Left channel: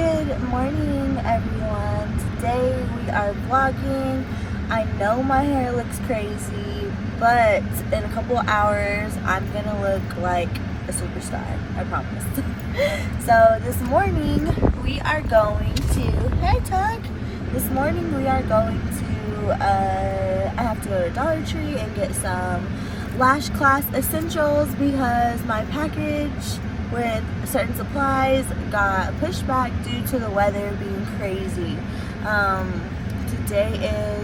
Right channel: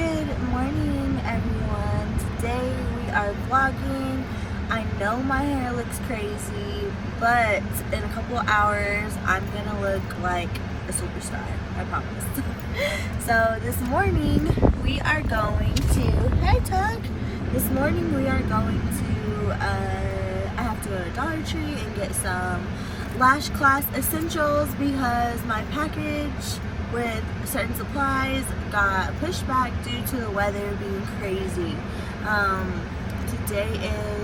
Good morning, everyone. Today we are vlogging. I know my hair looks crazy, but in a couple hours I'm gonna look like a superstar, I promise. So this morning we are going to, hey Tuck, this morning we are going to, I have to go to Dollar Tree and get some Lash Class essentials because my package with certain supplies got pushed back due to the weather being crazy. Today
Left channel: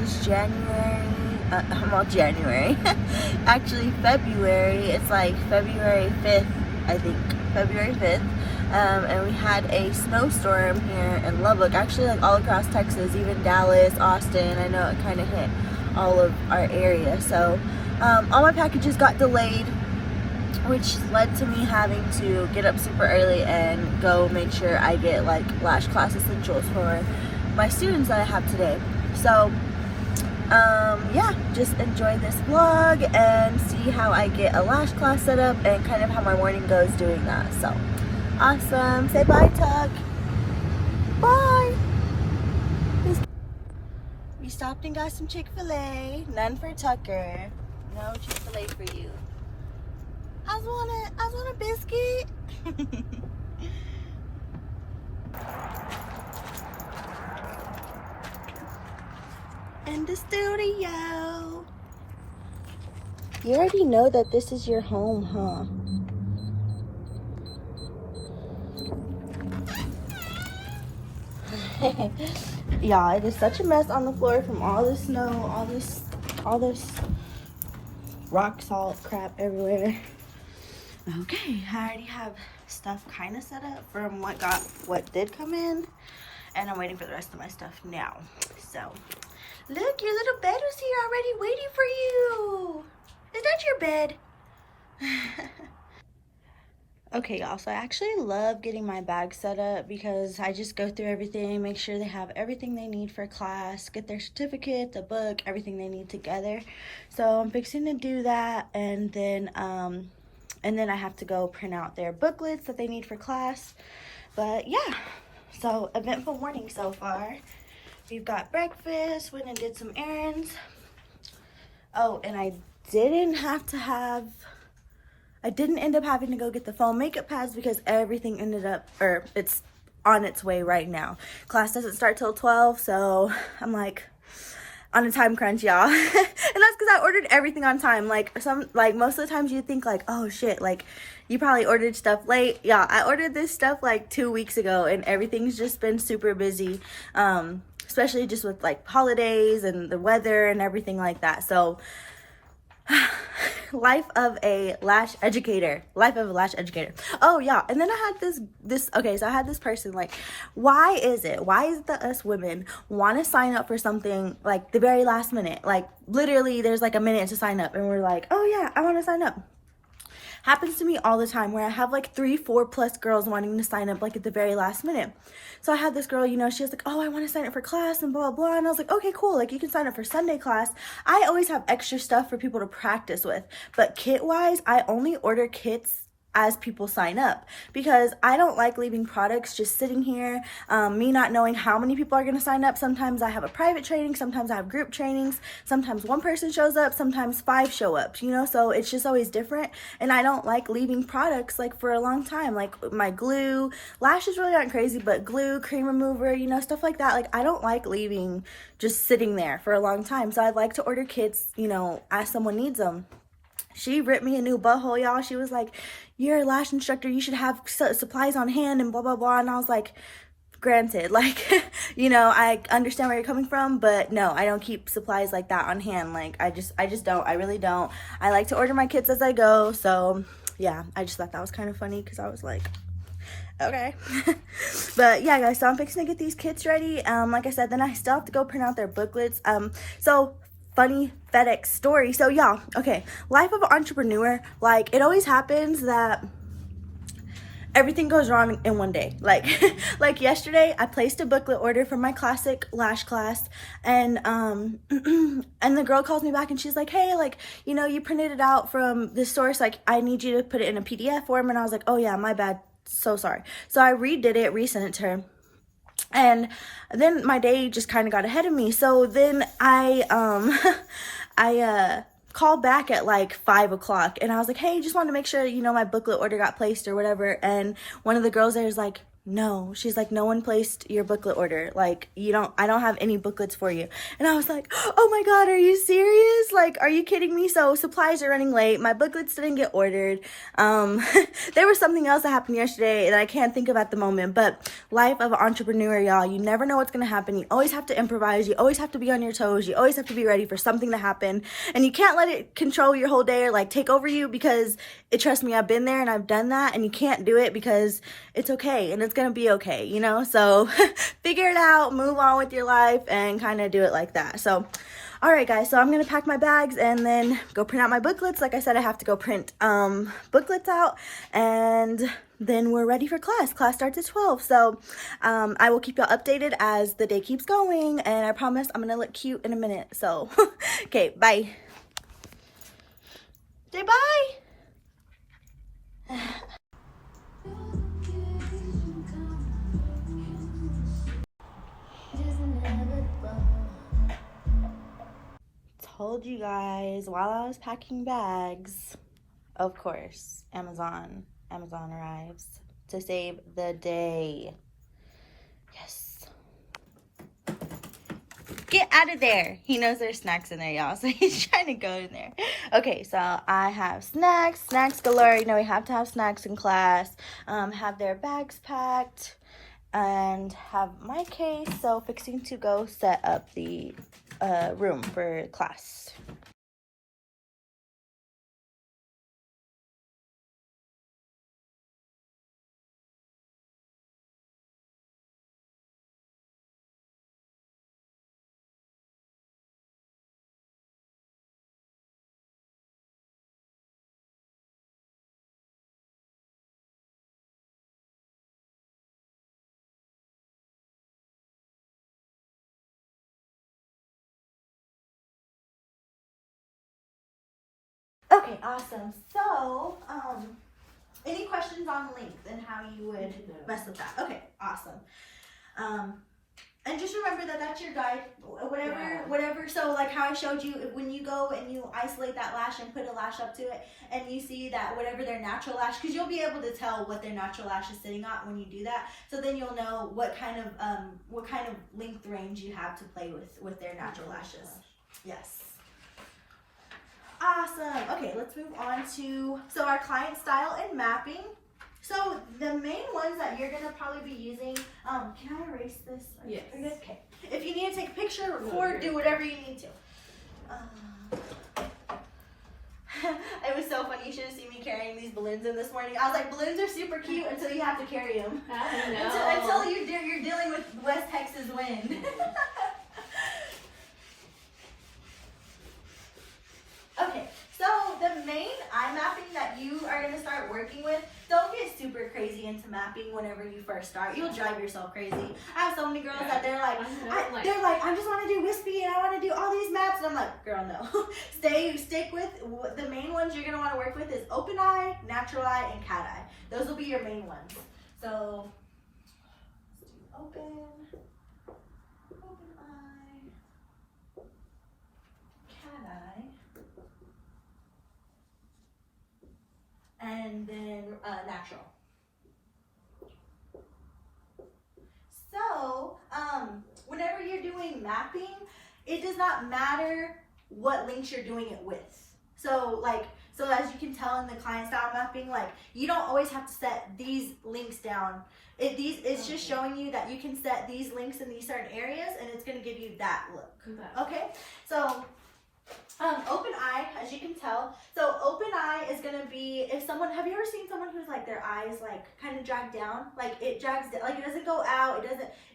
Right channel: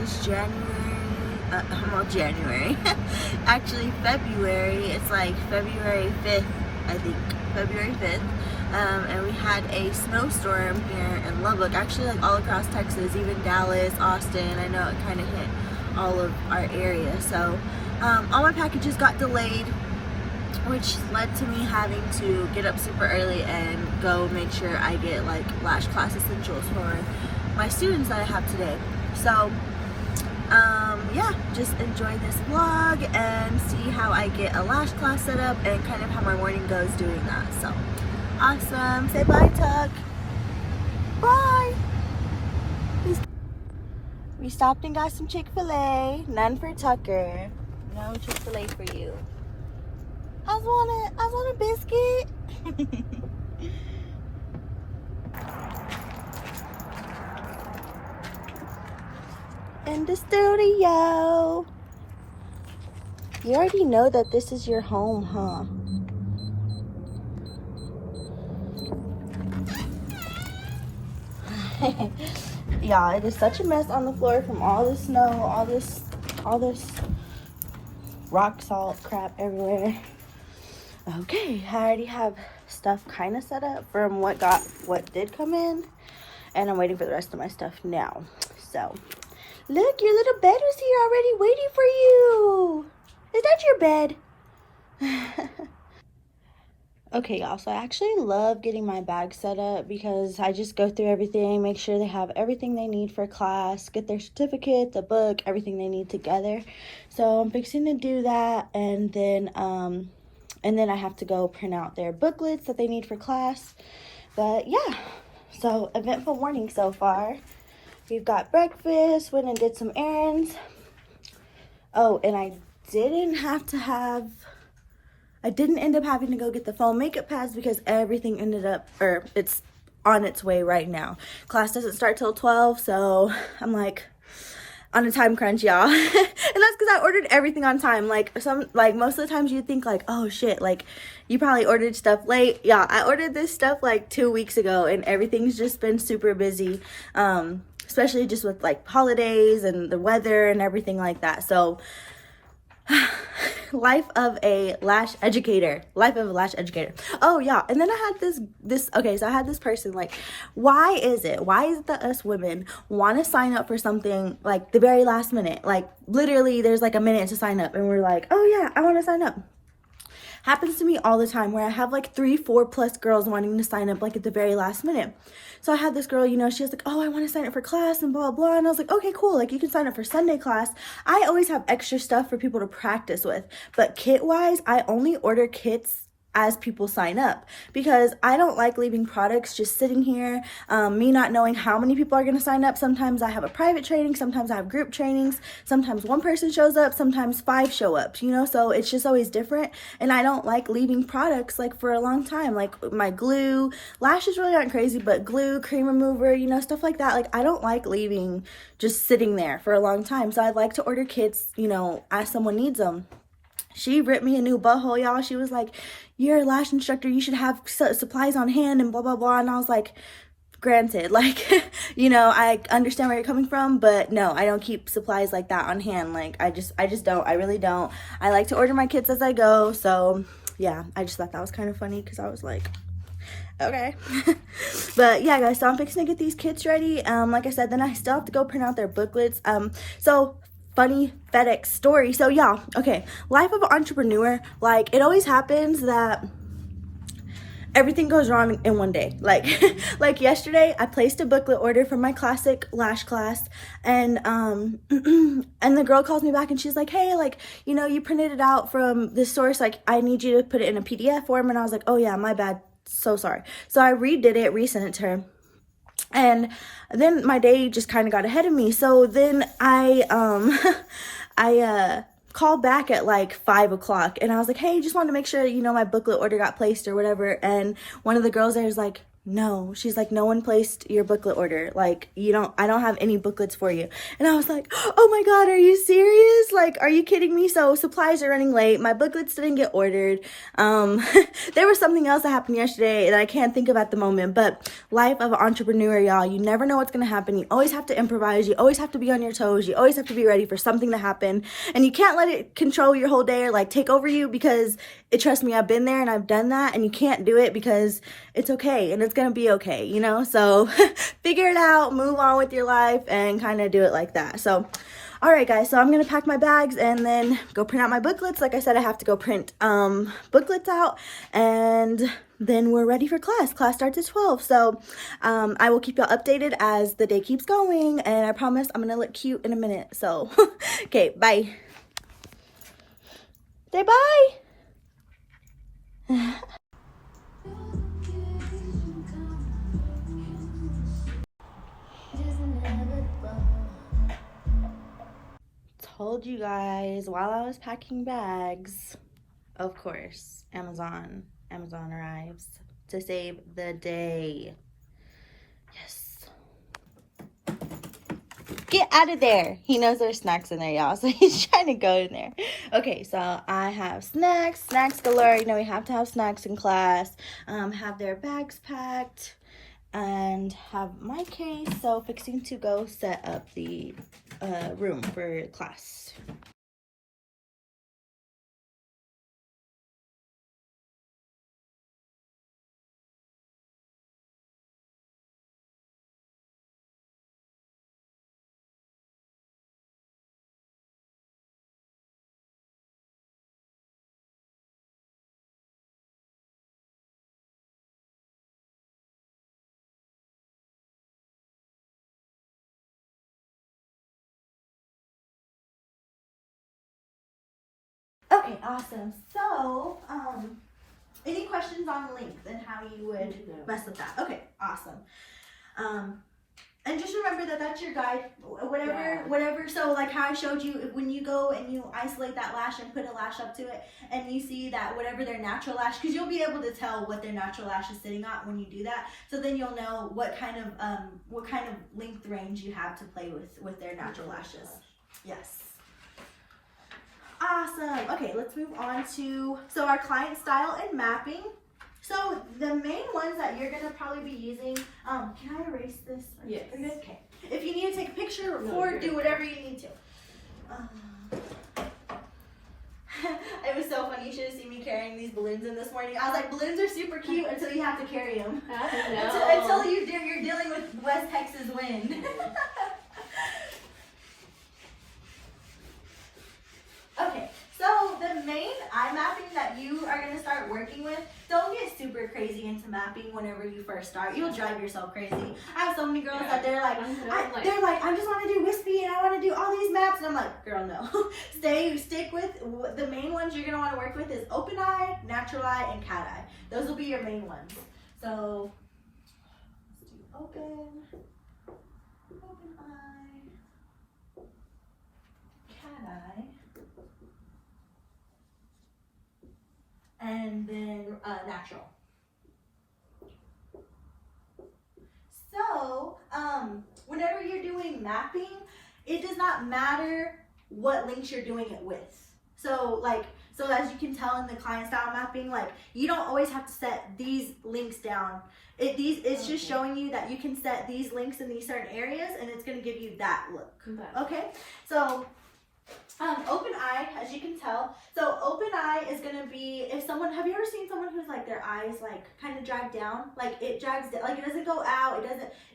is January, actually February. It's like February 5th, I think, February 5th. And we had a snowstorm here in Lubbock, actually like all across Texas, even Dallas, Austin. I know it kind of hit all of our area. So all my packages got delayed, which led to me having to get up super early and go make sure I get like Lash Class essentials for my students that I have today. So yeah, just enjoy this vlog and see how I get a lash class set up and kind of how my morning goes doing that. So awesome. Say bye, Tuck. Bye. We stopped and got some Chick-fil-A. None for Tucker. No Chick-fil-A for you. I want a biscuit. In the studio. You already know that this is your home, huh? Yeah, it is such a mess on the floor from all the snow, all this rock salt crap everywhere. Okay, I already have stuff kind of set up from what did come in, and I'm waiting for the rest of my stuff now. So, look, your little bed was here already waiting for you. Is that your bed? Okay, y'all, so I actually love getting my bag set up because I just go through everything, make sure they have everything they need for class, get their certificate, the book, everything they need together. So I'm fixing to do that, and then I have to go print out their booklets that they need for class. But yeah, so eventful morning so far. We've got breakfast, went and did some errands. Oh, and I didn't end up having to go get the foam makeup pads because everything it's on its way right now. Class doesn't start till 12, so I'm like on a time crunch, y'all. And that's because I ordered everything on time. Like most of the times you think like, oh shit, like you probably ordered stuff late. Yeah, I ordered this stuff like 2 weeks ago and everything's just been super busy. Especially just with like holidays and the weather and everything like that. So life of a lash educator. Oh yeah, and then I had this okay, so I had this person like, why is it that us women want to sign up for something like the very last minute? Like literally there's like a minute to sign up and we're like, oh yeah, I want to sign up. Happens to me all the time where I have like 3-4 plus girls wanting to sign up like at the very last minute. So I had this girl, she was like, oh, I want to sign up for class and blah, blah, blah. And I was like, okay, cool. Like you can sign up for Sunday class. I always have extra stuff for people to practice with. But kit wise, I only order kits as people sign up because I don't like leaving products just sitting here, me not knowing how many people are going to sign up. Sometimes I have a private training, sometimes I have group trainings, sometimes one person shows up, sometimes 5 show up, so it's just always different. And I don't like leaving products like for a long time, like my glue, lashes really aren't crazy, but glue, cream remover, stuff like that. Like I don't like leaving just sitting there for a long time. So I'd like to order kits, as someone needs them. She ripped me a new butthole, y'all. She was like, you're a lash instructor, you should have supplies on hand and blah, blah, blah. And I was like, granted, like, I understand where you're coming from, but no, I don't keep supplies like that on hand. Like, I just don't. I really don't. I like to order my kits as I go. So, yeah, I just thought that was kind of funny because I was like, okay. But yeah, guys, so I'm fixing to get these kits ready. Like I said, then I still have to go print out their booklets. So funny FedEx story. So yeah, okay, life of an entrepreneur, like it always happens that everything goes wrong in one day. Like like yesterday I placed a booklet order for my Classic Lash Class, and and the girl calls me back and she's like, hey, like, you printed it out from this source, like I need you to put it in a PDF form. And I was like, oh yeah, my bad, so sorry. So I redid it, resent it to her. And then my day just kind of got ahead of me. So then I called back at like 5 o'clock, and I was like, hey, just wanted to make sure, you know, my booklet order got placed or whatever. And one of the girls there is like, no, she's like, no one placed your booklet order. Like, I don't have any booklets for you. And I was like, oh my God, are you serious? Like, are you kidding me? So supplies are running late. My booklets didn't get ordered. There was something else that happened yesterday that I can't think of at the moment, but life of an entrepreneur, y'all, you never know what's going to happen. You always have to improvise. You always have to be on your toes. You always have to be ready for something to happen, and you can't let it control your whole day or like take over you, because trust me, I've been there and I've done that, and you can't do it because it's okay and it's gonna be okay, you know? So figure it out, move on with your life, and kind of do it like that. So all right, guys, so I'm gonna pack my bags and then go print out my booklets. Like I said, I have to go print booklets out, and then we're ready for class. Class starts at 12. So I will keep y'all updated as the day keeps going, and I promise I'm gonna look cute in a minute. So okay, bye. Say bye. Told you guys while I was packing bags, of course, Amazon arrives to save the day. Yes. Get out of there. He knows there's snacks in there, y'all, so he's trying to go in there. Okay, so I have snacks galore. You know, we have to have snacks in class. Have their bags packed, and have my case. So fixing to go set up the room for class. Okay, awesome. So, any questions on length and how you would mess with that? Okay, awesome. And just remember that that's your guide, whatever. So like how I showed you, when you go and you isolate that lash and put a lash up to it, and you see that whatever their natural lash, because you'll be able to tell what their natural lash is sitting at when you do that. So then you'll know what kind of length range you have to play with their natural lashes. Yes. Awesome. Okay, let's move on to our client style and mapping. So the main ones that you're gonna probably be using, can I erase this? Yes. Okay. If you need to take a picture, record, do whatever you need to. It was so funny. You should have seen me carrying these balloons in this morning. I was like, balloons are super cute until you have to carry them. I know. Until you're dealing with West Texas wind. Okay, so the main eye mapping that you are going to start working with, don't get super crazy into mapping whenever you first start. You'll drive yourself crazy. I have so many girls that they're like, I just want to do wispy and I want to do all these maps. And I'm like, girl, no. Stick with the main ones you're going to want to work with is open eye, natural eye, and cat eye. Those will be your main ones. So, let's do open eye, cat eye. And then natural. So, whenever you're doing mapping, it does not matter what links you're doing it with. So as you can tell in the client style mapping, like you don't always have to set these links down. It's just showing you that you can set these links in these certain areas, and it's going to give you that look. Okay, so. Open eye, as you can tell. So open eye is going to be, have you ever seen someone who's like their eyes like kind of drag down? Like it drags down, like it doesn't go out,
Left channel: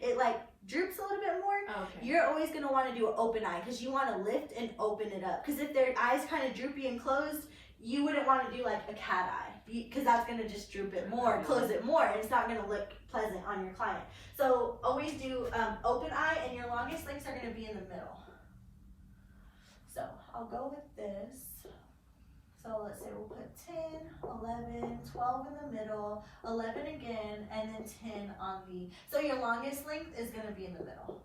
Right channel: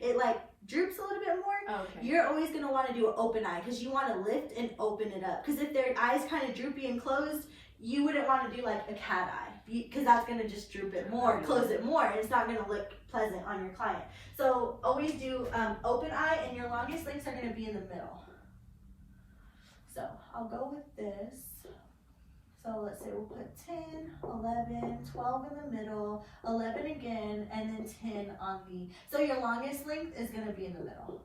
it like droops a little bit more. Okay. You're always going to want to do an open eye because you want to lift and open it up. Because if their eyes kind of droopy and closed, you wouldn't want to do like a cat eye because that's going to just droop it more, close it more, and it's not going to look pleasant on your client. So always do open eye, and your longest links are going to be in the middle. So I'll go with this. So let's say we'll put 10, 11, 12 in the middle, 11 again, and then 10 on the, so your longest length is going to be in the middle.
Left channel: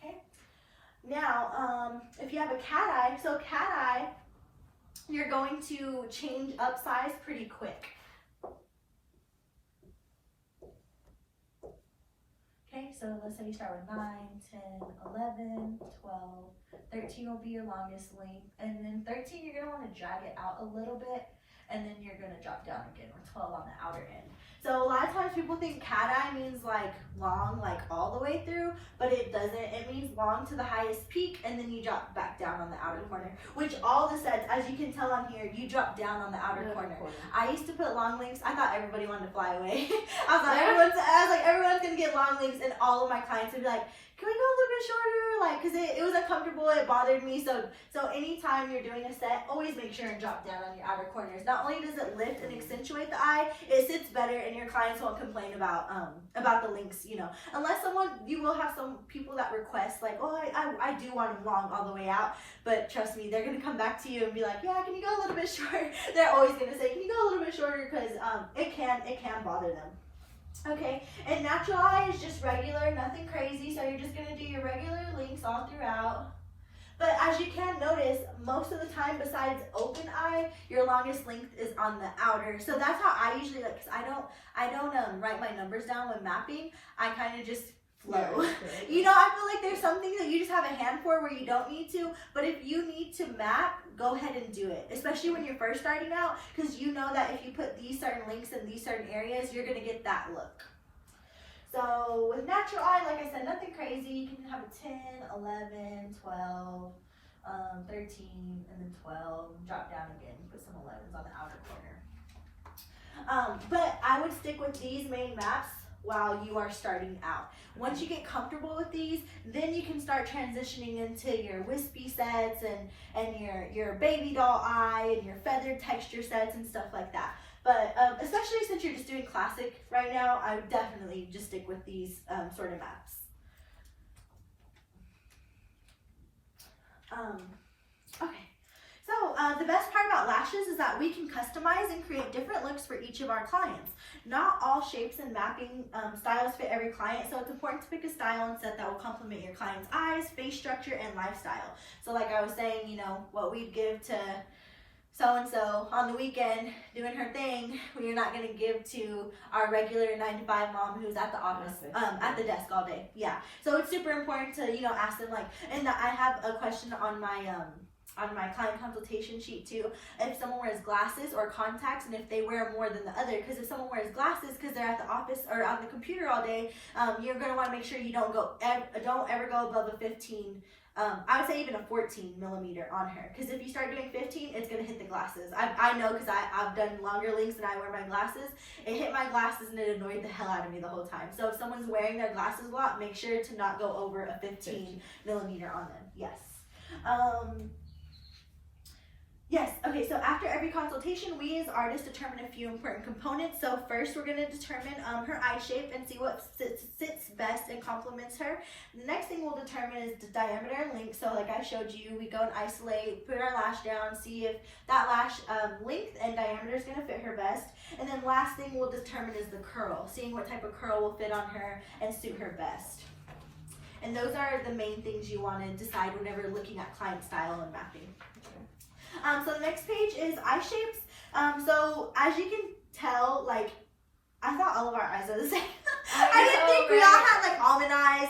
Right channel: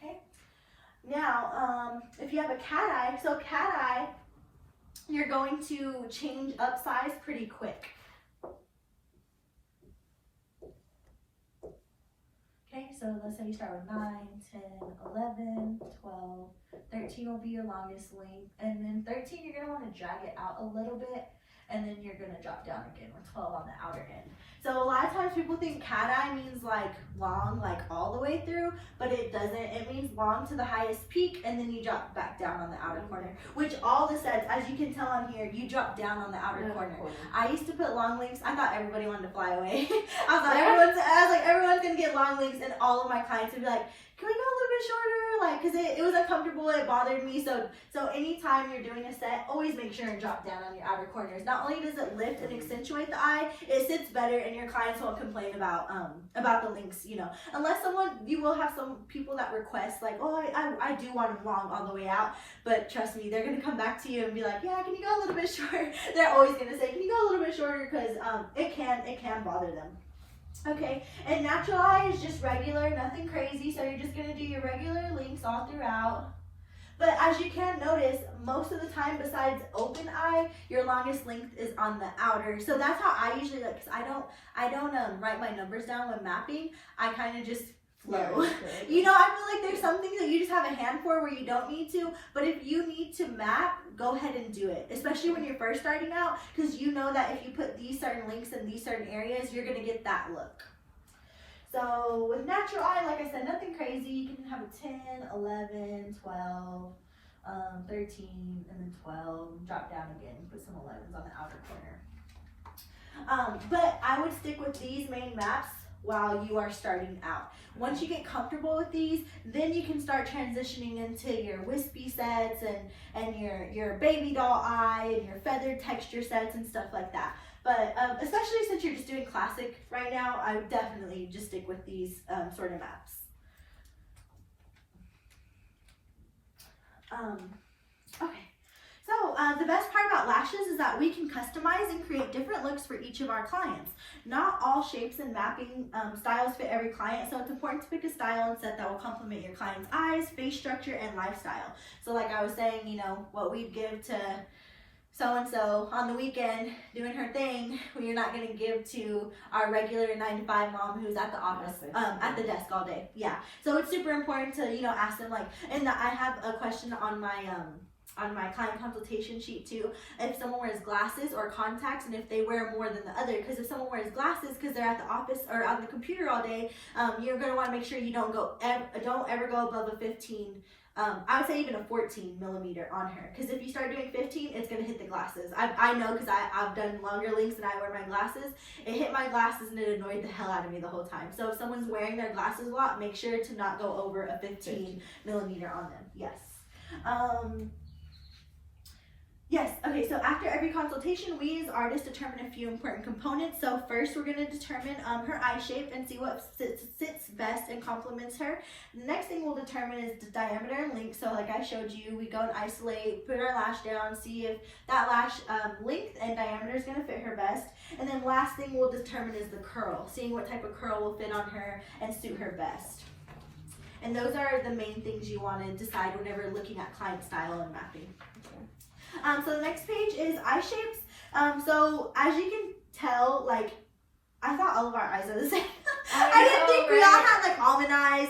Okay. Now, if you have a cat eye, so cat eye, you're going to change up size pretty quick. Okay, so let's say you start with 9, 10, 11, 12, 13 will be your longest length, and then 13 you're going to want to drag it out a little bit, and then you're going to drop down again with 12 on the outer end. So a lot of times people think cat eye means like long, like all the way through, but it doesn't. It means long to the highest peak, and then you drop back down on the outer corner, which all the sets, as you can tell on here, you drop down on the outer corner. I used to put long links. I thought everybody wanted to fly away. I was like, everyone's going to get long links, and all of my clients would be like, can we go a little bit shorter? Like, because it was uncomfortable, it bothered me. So anytime you're doing a set, always make sure and drop down on your outer corners. Not only does it lift and accentuate the eye, it sits better, and your clients won't complain about the links, you know. Unless you will have some people that request, like, oh, I do want them long all the way out. But trust me, they're going to come back to you and be like, yeah, can you go a little bit shorter? They're always going to say, can you go a little bit shorter? Because it can bother them. Okay, and natural eye is just regular, nothing crazy, so you're just going to do your regular links all throughout. But as you can notice, most of the time besides open eye, your longest length is on the outer. So that's how I usually like, because I don't write my numbers down when mapping. I kind of just flow. You know, I feel like there's some things that you just have a hand for where you don't need to, but if you need to map, go ahead and do it, especially when you're first starting out, because you know that if you put these certain links in these certain areas, you're going to get that look. So with natural eye, like I said, nothing crazy. You can have a 10, 11, 12, 13, and then 12, drop down again, put some 11s on the outer corner. But I would stick with these main maps while you are starting out. Once you get comfortable with these, then you can start transitioning into your wispy sets and your baby doll eye and your feathered texture sets and stuff like that. But especially since you're just doing classic right now, I would definitely just stick with these sort of maps. Okay. So the best part about lashes is that we can customize and create different looks for each of our clients. Not all shapes and mapping styles fit every client, so it's important to pick a style and set that will complement your client's eyes, face structure, and lifestyle. So like I was saying, you know, what we'd give to so-and-so on the weekend doing her thing, we're not going to give to our regular 9-to-5 mom who's at the office, at the desk all day. Yeah, so it's super important to, you know, ask them, like, and I have a question on my client consultation sheet too, if someone wears glasses or contacts, and if they wear more than the other. Because if someone wears glasses because they're at the office or on the computer all day, you're going to want to make sure you don't ever go above a 15. I would say even a 14 millimeter on her, because if you start doing 15, it's going to hit the glasses. I know, because I've done longer links and I wear my glasses. It hit my glasses and it annoyed the hell out of me the whole time. So if someone's wearing their glasses a lot, make sure to not go over a 15 millimeter on them. Yes. Yes, okay, so after every consultation, we as artists determine a few important components. So first, we're going to determine her eye shape and see what sits best and complements her. The next thing we'll determine is the diameter and length. So like I showed you, we go and isolate, put our lash down, see if that lash length and diameter is going to fit her best. And then last thing we'll determine is the curl, seeing what type of curl will fit on her and suit her best. And those are the main things you want to decide whenever looking at client style and mapping. So the next page is eye shapes. So as you can tell, like, I thought all of our eyes are the same. I didn't think we all had like almond eyes,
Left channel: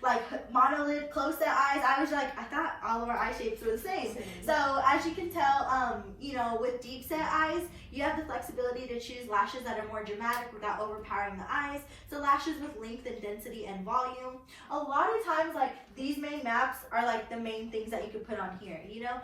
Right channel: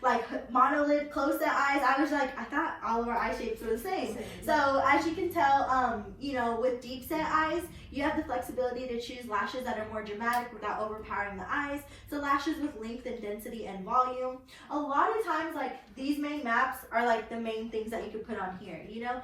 like monolid close set eyes. I was like, I thought all of our eye shapes were the same. So as you can tell, you know, with deep set eyes, you have the flexibility to choose lashes that are more dramatic without overpowering the eyes. So lashes with length and density and volume. A lot of times, like, these main maps are like the main things that you could put on here, you know.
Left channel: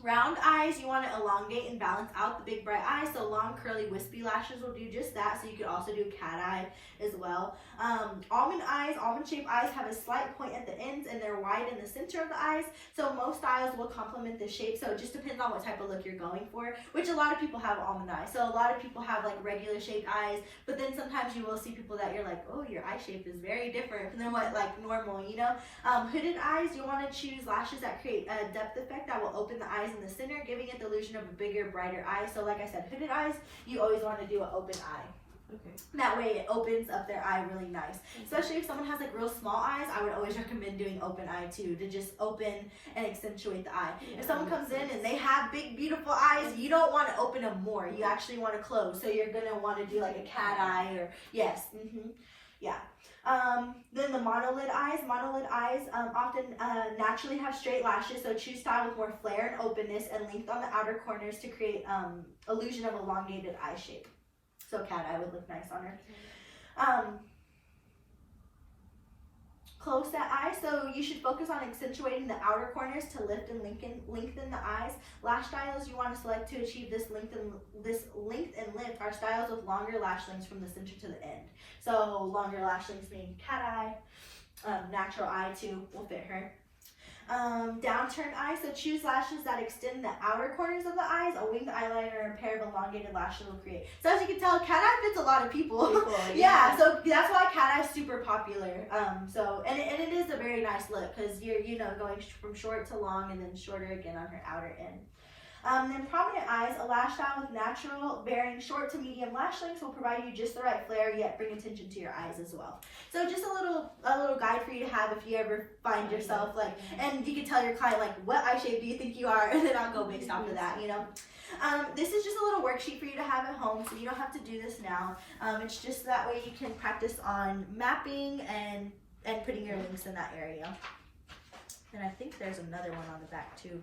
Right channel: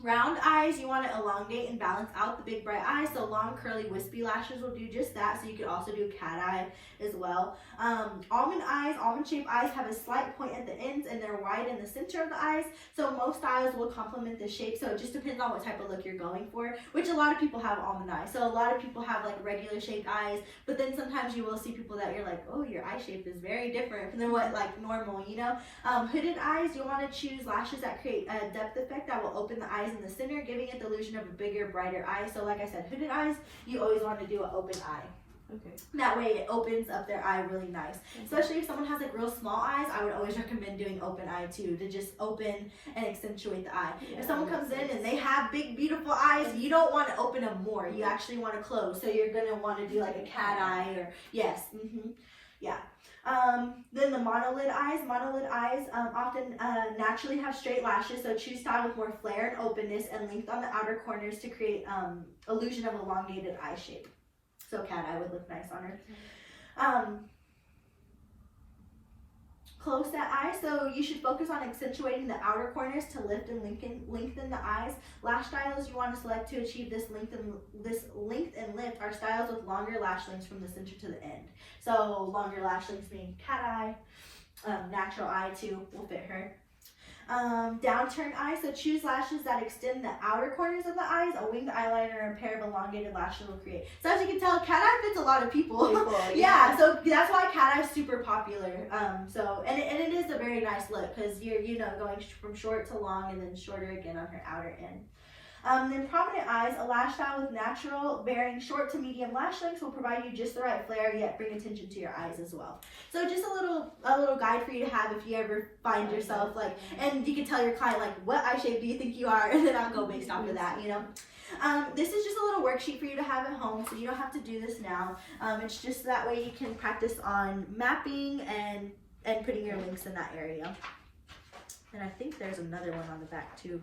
Round eyes, you want to elongate and balance out the big bright eyes. So long curly wispy lashes will do just that. So you could also do cat eye as well. Almond eyes, almond shaped eyes have a slight point at the ends and they're wide in the center of the eyes. So most styles will complement the shape. So it just depends on what type of look you're going for, which a lot of people have almond eyes. So a lot of people have like regular shaped eyes, but then sometimes you will see people that you're like, oh, your eye shape is very different than what like normal, you know. Hooded eyes, you want to choose lashes that create a depth effect that will open the eyes in the center, giving it the illusion of a bigger, brighter eye. So like I said, hooded eyes, you always want to do an open eye. Okay. That way it opens up their eye really nice. Especially if someone has like real small eyes, I would always recommend doing open eye too, to just open and accentuate the eye. Yeah, if someone comes in and they have big, beautiful eyes, you don't want to open them more. You actually want to close. So you're going to want to do like a cat eye or, yes, yeah. Then the monolid eyes. Monolid eyes often naturally have straight lashes, so choose style with more flare and openness and length on the outer corners to create illusion of elongated eye shape. So cat eye would look nice on her. Close set eye, so you should focus on accentuating the outer corners to lift and lengthen the eyes. Lash styles you want to select to achieve this length and lift are styles with longer lash lengths from the center to the end. So longer lash lengths mean cat eye, natural eye too will fit her. Downturn eye, so choose lashes that extend the outer corners of the eyes. A winged eyeliner or a pair of elongated lashes will create. So as you can tell, cat eye fits a lot of people. Yeah, so that's why cat eye is super popular. And it is a very nice look because you're going from short to long and then shorter again on her outer end. Then prominent eyes, a lash style with natural varying short to medium lash lengths will provide you just the right flare yet bring attention to your eyes as well. So just a little guide for you to have if you ever find yourself like, and you can tell your client like, what eye shape do you think you are, and then I'll go based off of that, you know. This is just a little worksheet for you to have at home, so you don't have to do this now. It's just that way you can practice on mapping and putting your links in that area. And I think there's another one on the back too.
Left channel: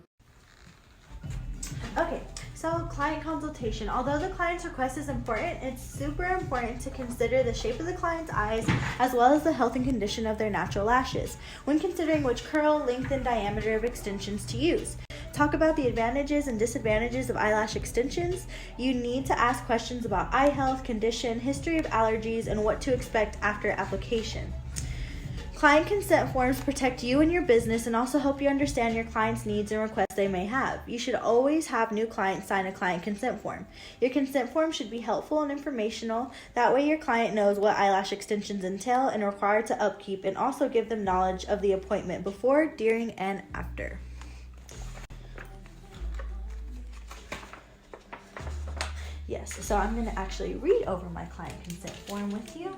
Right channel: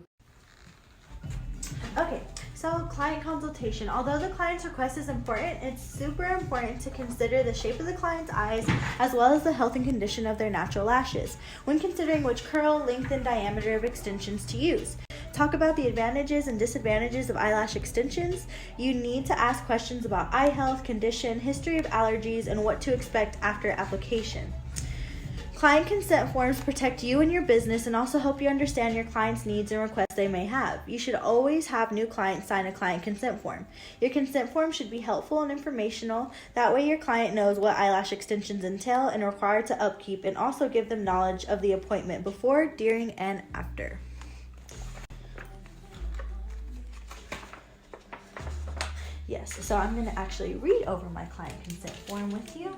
Okay, so client consultation. Although the client's request is important, it's super important to consider the shape of the client's eyes as well as the health and condition of their natural lashes when considering which curl, length, and diameter of extensions to use. Talk about the advantages and disadvantages of eyelash extensions. You need to ask questions about eye health, condition, history of allergies, and what to expect after application. Client consent forms protect you and your business and also help you understand your client's needs and requests they may have. You should always have new clients sign a client consent form. Your consent form should be helpful and informational. That way your client knows what eyelash extensions entail and are required to upkeep, and also give them knowledge of the appointment before, during, and after. Yes, so I'm going to actually read over my client consent form with you.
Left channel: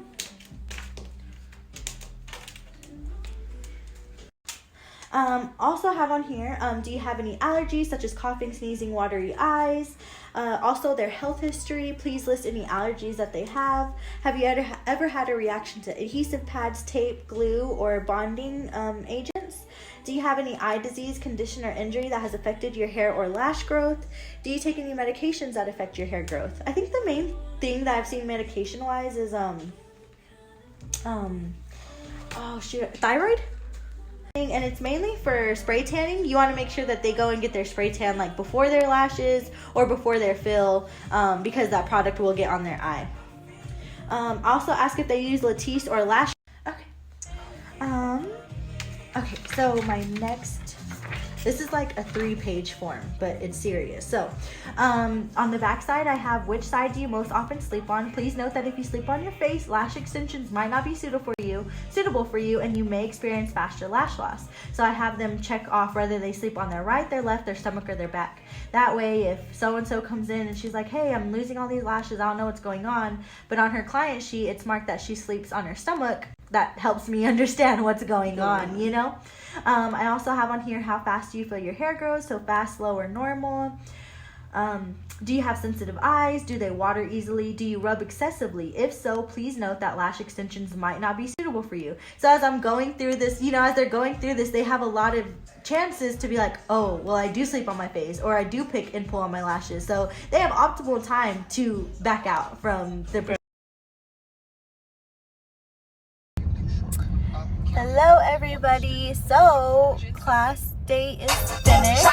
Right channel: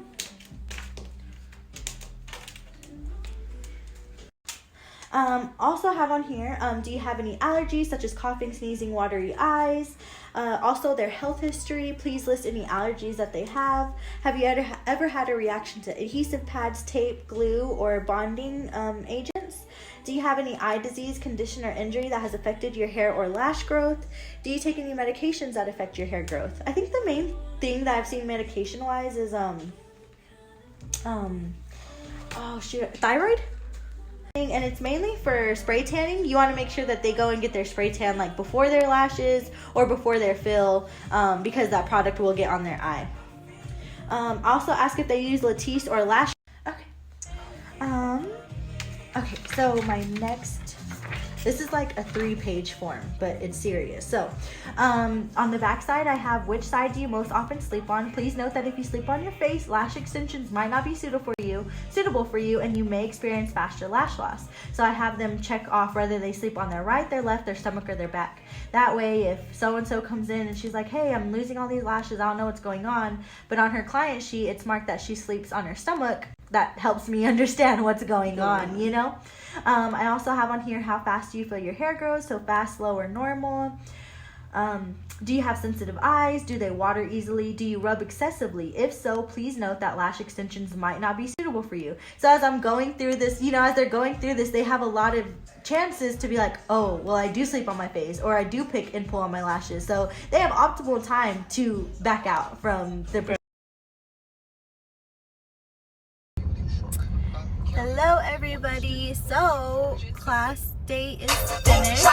Also have on here, do you have any allergies such as coughing, sneezing, watery eyes? Also their health history. Please list any allergies that they have. Have you ever had a reaction to adhesive pads, tape, glue, or bonding agents? Do you have any eye disease, condition, or injury that has affected your hair or lash growth? Do you take any medications that affect your hair growth? I think the main thing that I've seen medication-wise is thyroid. And it's mainly for spray tanning. You want to make sure that they go and get their spray tan like before their lashes or before their fill, because that product will get on their eye. Also ask if they use Latisse or Lash. Okay, so my next, this is like a 3-page form, but it's serious. So on the back side, I have which side do you most often sleep on. Please note that if you sleep on your face, lash extensions might not be suitable for you, and you may experience faster lash loss. So I have them check off whether they sleep on their right, their left, their stomach, or their back. That way, if so-and-so comes in and she's like, hey, I'm losing all these lashes, I don't know what's going on, but on her client sheet, it's marked that she sleeps on her stomach, that helps me understand what's going on, you know? I also have on here how fast do you feel your hair grows, so fast, slow, or normal. Do you have sensitive eyes? Do they water easily? Do you rub excessively? If so, please note that lash extensions might not be suitable for you. So as I'm going through this, as they're going through this, they have a lot of chances to be like, oh, well, I do sleep on my face, or I do pick and pull on my lashes. So they have optimal time to back out from the Hello everybody, so class day is finished.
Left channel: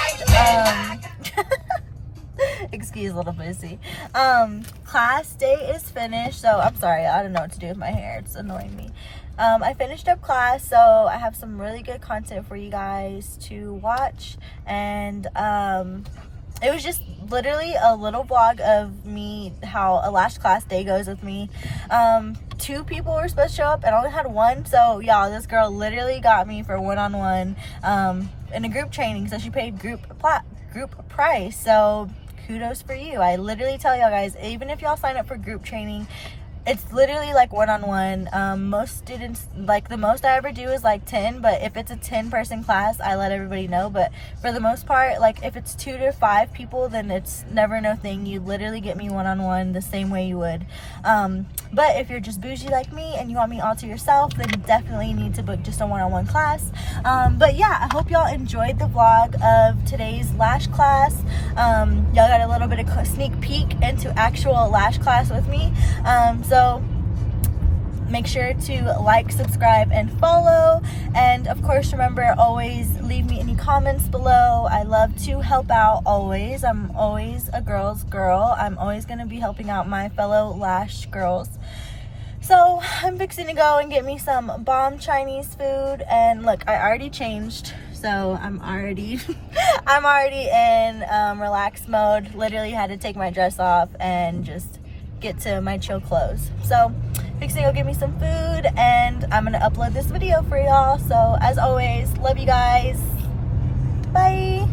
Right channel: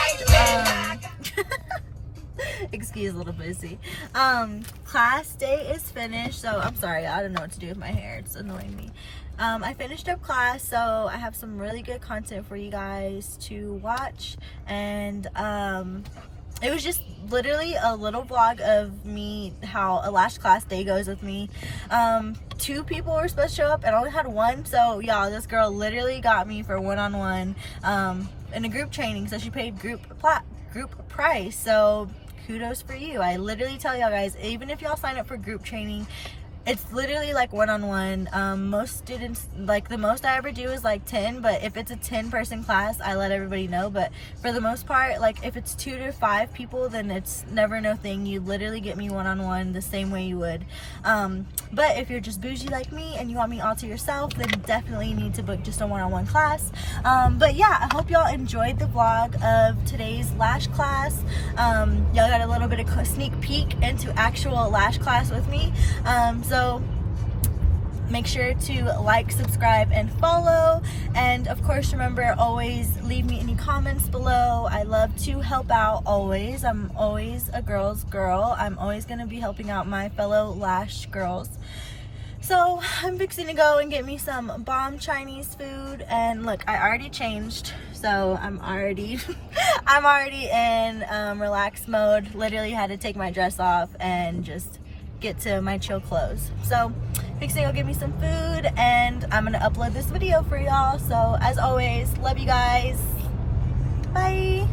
Excuse little pussy. Class day is finished, so I'm sorry, I don't know what to do with my hair. It's annoying me. I finished up class, so I have some really good content for you guys to watch, and it was just literally a little vlog of me, how a lash class day goes with me. 2 people were supposed to show up and I only had 1, so y'all, this girl literally got me for one-on-one in a group training, so she paid group price, so kudos for you. I literally tell y'all guys, even if y'all sign up for group training, it's literally like one-on-one. Most students, like the most I ever do is like 10, but if it's a 10-person class, I let everybody know. But for the most part, like if it's 2 to 5 people, then it's never no thing. You literally get me one-on-one the same way you would. But if you're just bougie like me and you want me all to yourself, then you definitely need to book just a one-on-one class. But yeah, I hope y'all enjoyed the vlog of today's lash class. Y'all got a little bit of sneak peek into actual lash class with me. So make sure to like, subscribe, and follow. And of course, remember, always leave me any comments below. I love to help out always. I'm always a girl's girl. I'm always going to be helping out my fellow lash girls. So I'm fixing to go and get me some bomb Chinese food. And look, I already changed. So I'm already in relaxed mode. Literally had to take my dress off and just get to my chill clothes. So fixing to go get me some food, and I'm gonna upload this video for y'all. So as always, love you guys. Bye.